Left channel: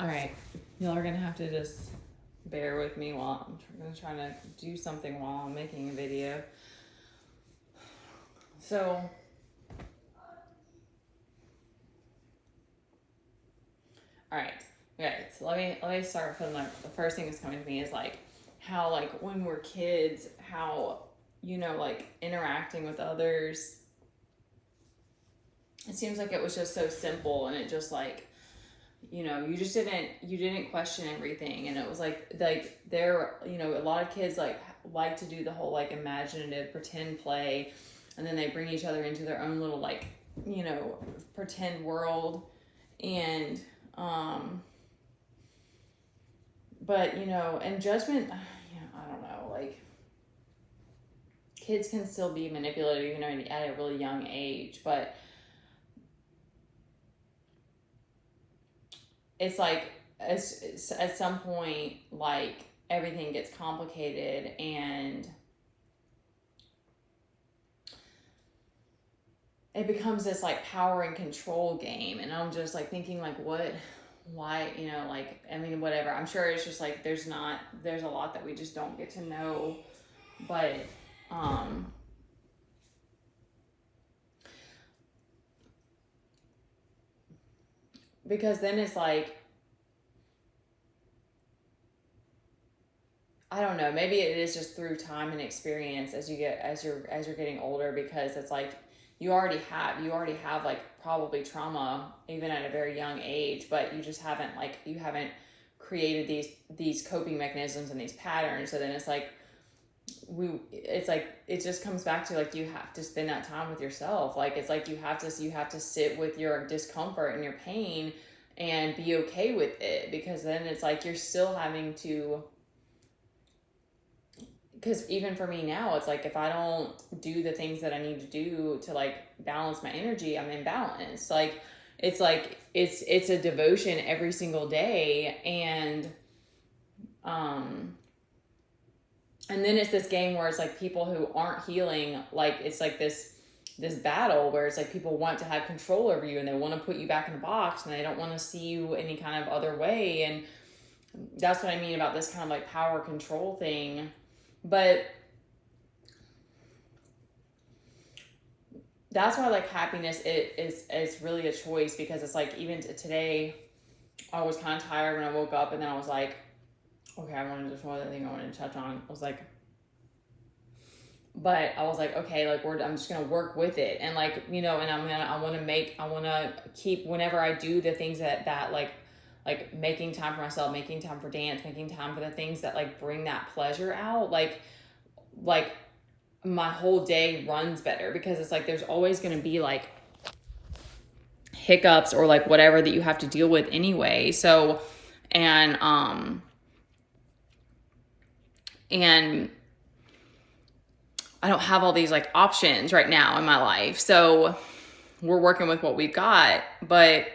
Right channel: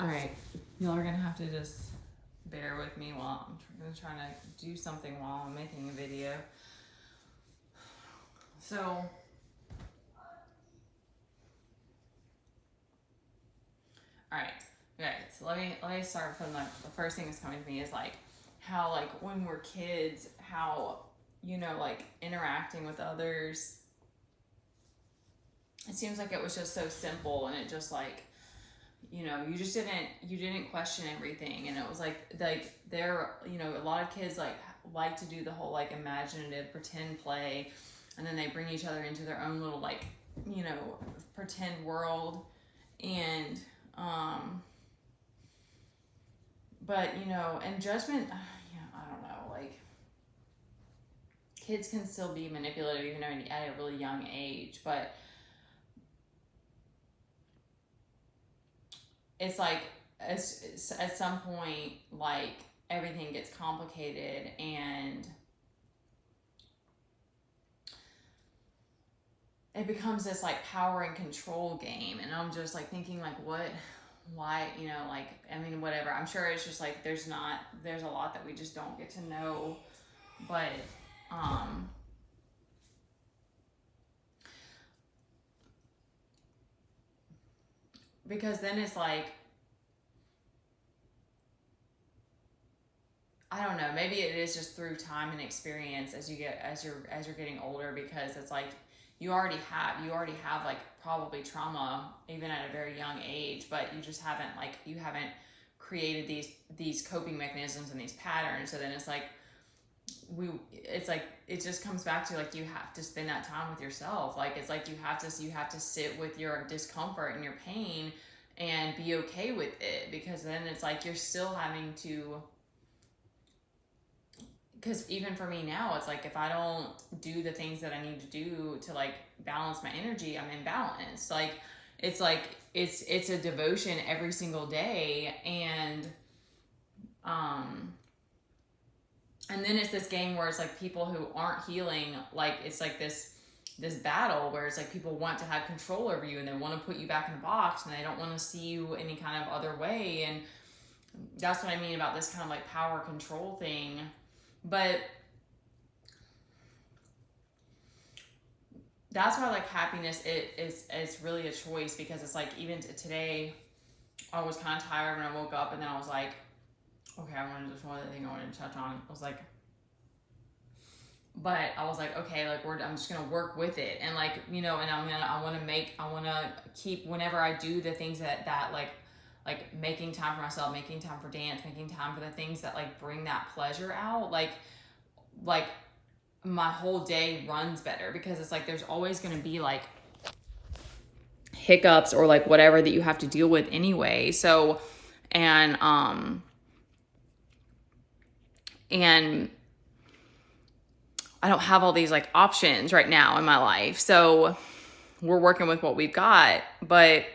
All right, y'all are gonna have to just bear with me while I'm gonna try to do something while I'm making a video. So, all right, okay. So let me start from the first thing that's coming to me is like how like when we're kids, how like interacting with others. It seems like it was just so simple, and it just like you just didn't question everything, and it was like there a lot of kids like to do the whole like imaginative pretend play, and then they bring each other into their own little like pretend world, and but and judgment, I don't know, like kids can still be manipulative at a really young age, but it's like at some point like everything gets complicated, and it becomes this like power and control game, and I'm just like thinking like why like I mean whatever, I'm sure it's just like there's a lot that we just don't get to know, but because then it's like I don't know, maybe it is just through time and experience as you're getting older, because it's like you already have like probably trauma even at a very young age, but you haven't created these coping mechanisms and these patterns. So then it's like it just comes back to like you have to spend that time with yourself. Like it's like you have to sit with your discomfort and your pain and be okay with it, because then it's like you're still having to, because even for me now, it's like if I don't do the things that I need to do to like balance my energy, I'm imbalanced. It's a devotion every single day, and then it's this game where it's like people who aren't healing, like it's like this battle where it's like people want to have control over you, and they want to put you back in a box, and they don't want to see you any kind of other way. And that's what I mean about this kind of like power control thing. But that's why like happiness is really a choice, because it's like even today I was kind of tired when I woke up, and then I was like, okay, there's one other thing I wanted to touch on. But I was like, okay, like I'm just gonna work with it, and like and I want to keep, whenever I do the things that like making time for myself, making time for dance, making time for the things that like bring that pleasure out, like my whole day runs better, because it's like there's always going to be like hiccups or like whatever that you have to deal with anyway. So and I don't have all these like options right now in my life, so we're working with what we've got. But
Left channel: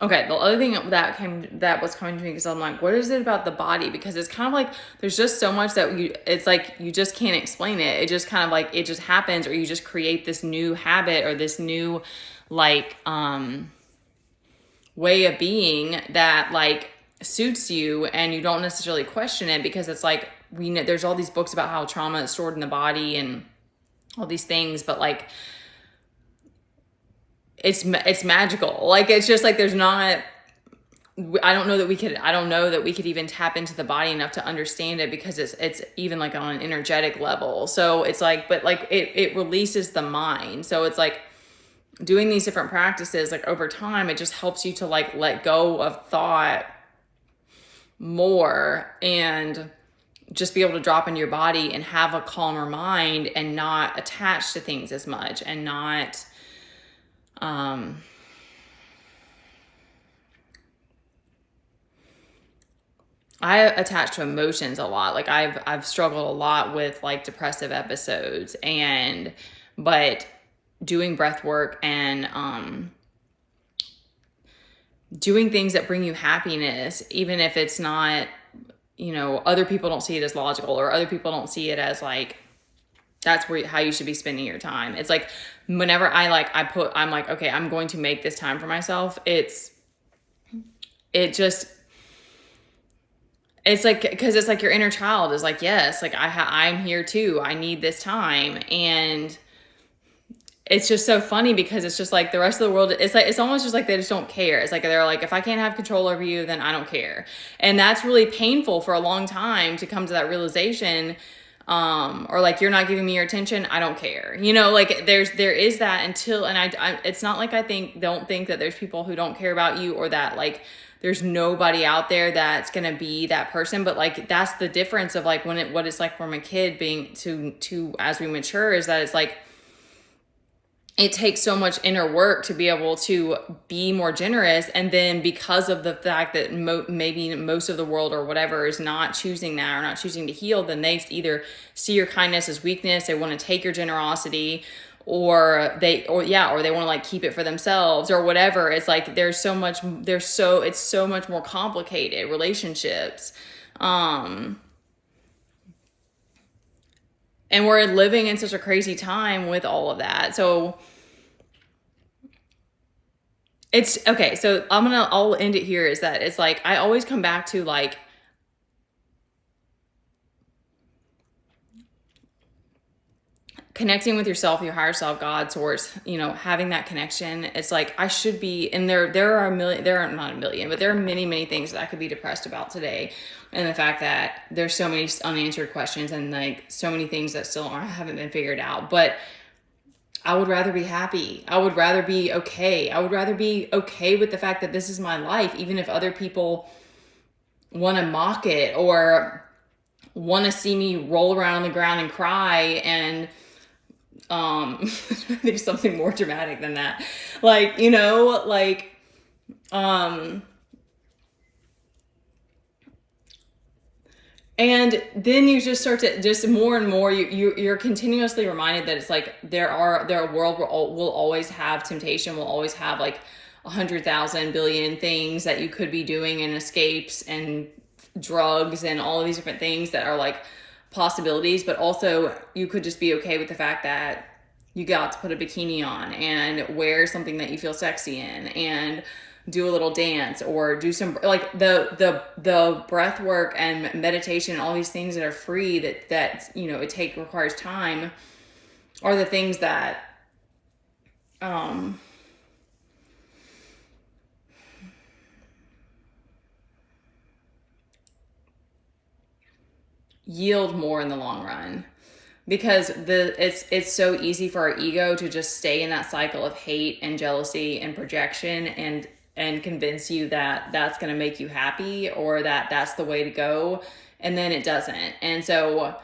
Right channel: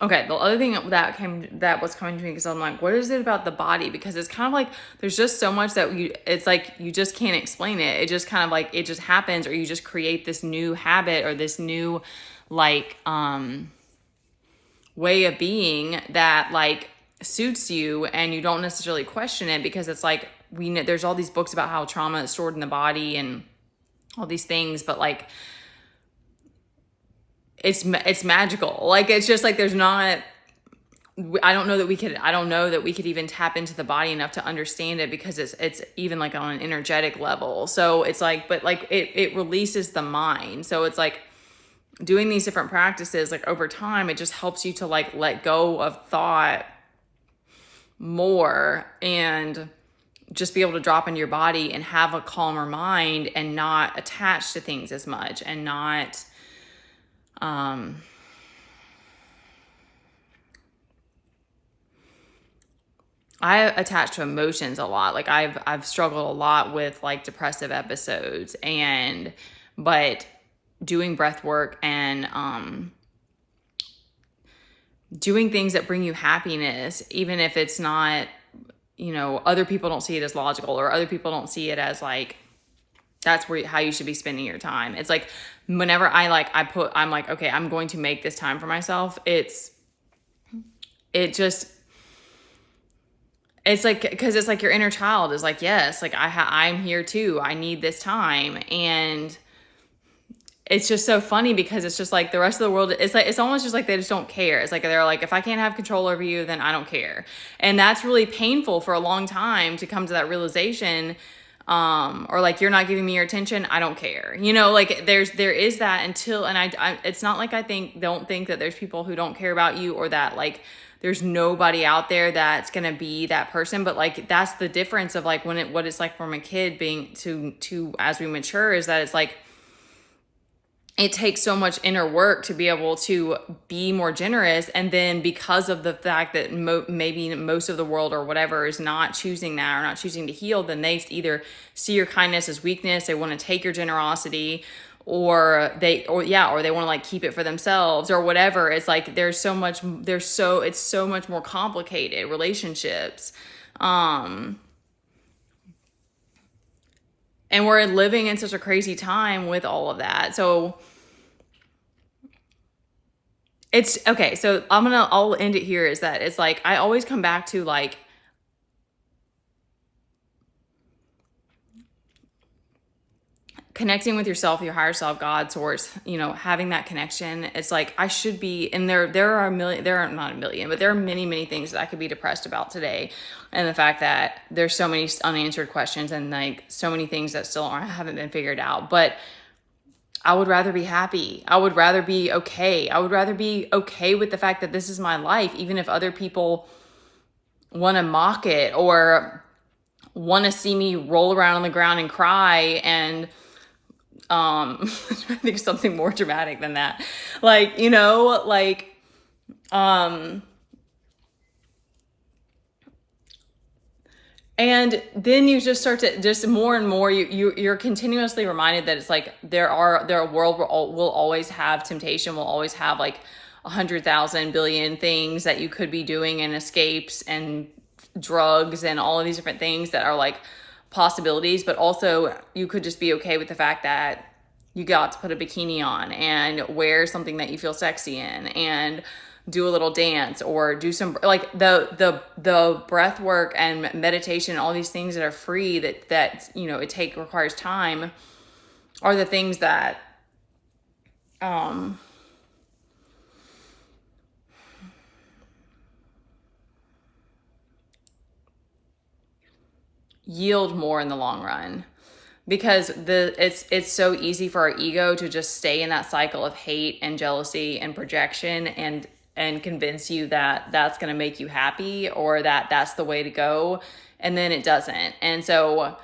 okay, the other thing that was coming to me, because I'm like, what is it about the body? Because it's kind of like there's just so much that it's like you just can't explain it. It just kind of like it just happens, or you just create this new habit or this new like way of being that like suits you, and you don't necessarily question it, because it's like there's all these books about how trauma is stored in the body and all these things, but like it's magical. Like it's just like there's not, I don't know that we could even tap into the body enough to understand it, because it's even like on an energetic level. So it's like, but like it releases the mind. So it's like doing these different practices, like over time, it just helps you to like let go of thought more, and just be able to drop into your body and have a calmer mind, and not attach to things as much, and not I attach to emotions a lot. Like I've struggled a lot with like depressive episodes, but doing breath work and doing things that bring you happiness, even if it's not, other people don't see it as logical, or other people don't see it as like that's how you should be spending your time. It's like whenever I'm like, okay, I'm going to make this time for myself. It's like, because it's like your inner child is like, yes, like I'm here too. I need this time. And it's just so funny because it's just like the rest of the world, it's almost just like they just don't care. It's like they're like, if I can't have control over you, then I don't care. And that's really painful for a long time to come to that realization. Or like, you're not giving me your attention, I don't care. Like there is that until, and I it's not like don't think that there's people who don't care about you, or that like there's nobody out there that's gonna be that person. But like, that's the difference of like what it's like from a kid being to as we mature, is that it's like, it takes so much inner work to be able to be more generous. And then because of the fact that maybe most of the world or whatever is not choosing that, or not choosing to heal, then they either see your kindness as weakness, they want to take your generosity, or they want to like keep it for themselves or whatever. It's like, it's so much more complicated relationships. And we're living in such a crazy time with all of that. So it's okay. So I'll end it here, is that it's like, I always come back to like, connecting with yourself, your higher self, God, source, having that connection. It's like, I should be, and there are not a million, but there are many, many things that I could be depressed about today. And the fact that there's so many unanswered questions, and like so many things that still haven't been figured out. But I would rather be happy. I would rather be okay. I would rather be okay with the fact that this is my life, even if other people want to mock it or want to see me roll around on the ground and cry. And I think something more dramatic than that. Like, and then you just start to just more and more, you're continuously reminded that it's like, a world will always have temptation, will always have like 100,000 billion things that you could be doing, and escapes and drugs and all of these different things that are like possibilities. But also, you could just be okay with the fact that you got to put a bikini on and wear something that you feel sexy in, and do a little dance, or do some like the breath work and meditation, all these things that are free that requires time, are the things that yield more in the long run. Because it's so easy for our ego to just stay in that cycle of hate and jealousy and projection, and convince you that that's going to make you happy, or that that's the way to go. And then it doesn't. And so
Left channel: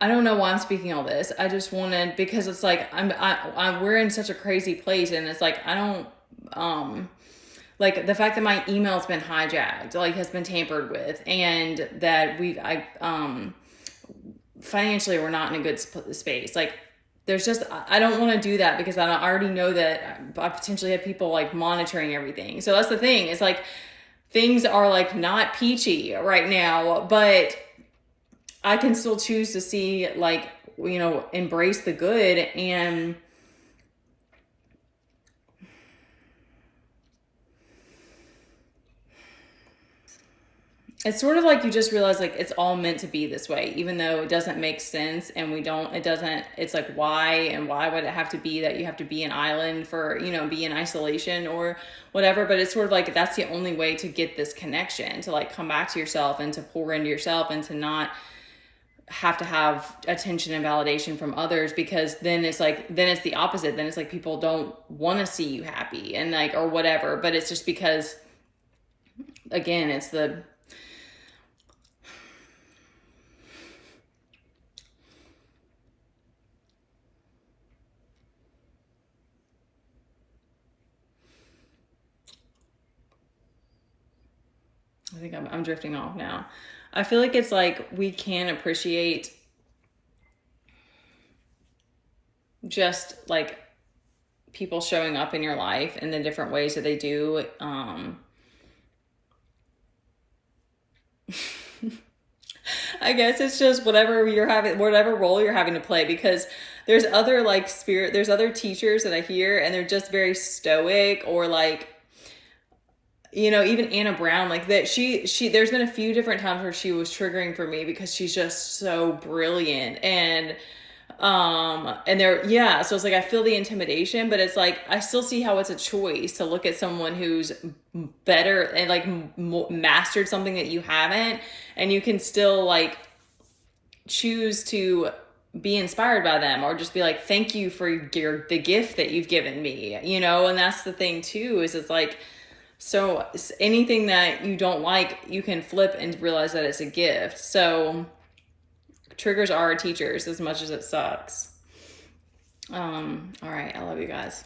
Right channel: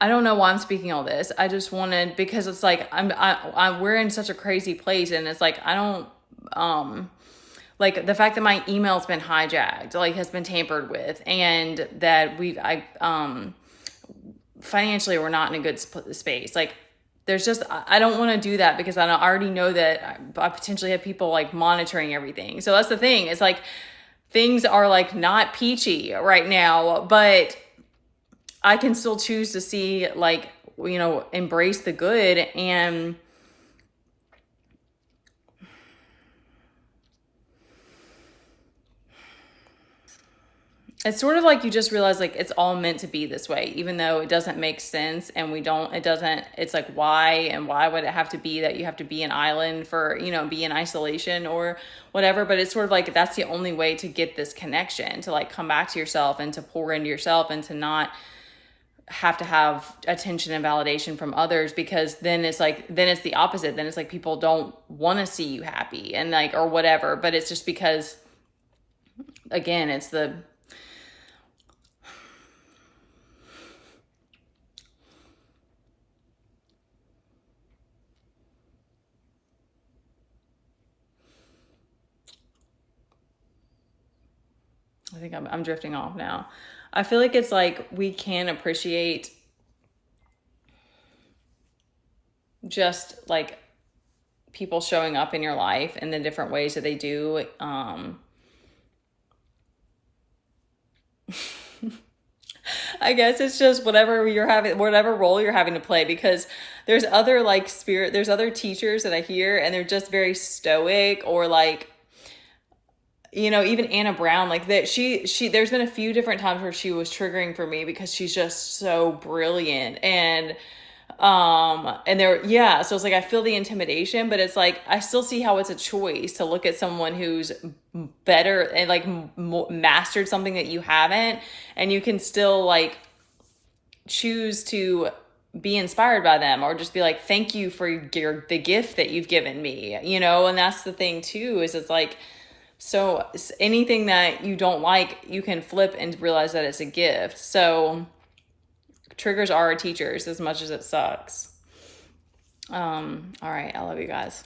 I don't know why I'm speaking all this. I just wanted, because it's like, we're in such a crazy place, and it's like, I don't, like the fact that my email's been hijacked, like has been tampered with, and that financially we're not in a good space. Like, there's just, I don't want to do that, because I already know that I potentially have people like monitoring everything. So that's the thing. It's like, things are like not peachy right now, but I can still choose to see, like, embrace the good. And it's sort of like, you just realize like it's all meant to be this way, even though it doesn't make sense, and it's like, why would it have to be that you have to be an island for, be in isolation or whatever. But it's sort of like, that's the only way to get this connection, to like come back to yourself and to pour into yourself, and to not have to have attention and validation from others, because then it's the opposite. Then it's like, people don't want to see you happy, and like, or whatever. But it's just because, again, it's I think I'm drifting off now. I feel like it's like, we can appreciate just like people showing up in your life in the different ways that they do. I guess it's just whatever you're having, whatever role you're having to play, because there's other like there's other teachers that I hear and they're just very stoic, or like, you know, even Anna Brown, like that there's been a few different times where she was triggering for me because she's just so brilliant. And there, yeah, so it's like I feel the intimidation, but it's like I still see how it's a choice to look at someone who's better and like mastered something that you haven't, and you can still like choose to be inspired by them, or just be like, thank you for the gift that you've given me, you know. And that's the thing too, is it's like, so anything that you don't like, you can flip and realize that it's a gift. So triggers are our teachers as much as it sucks. All right. I love you guys.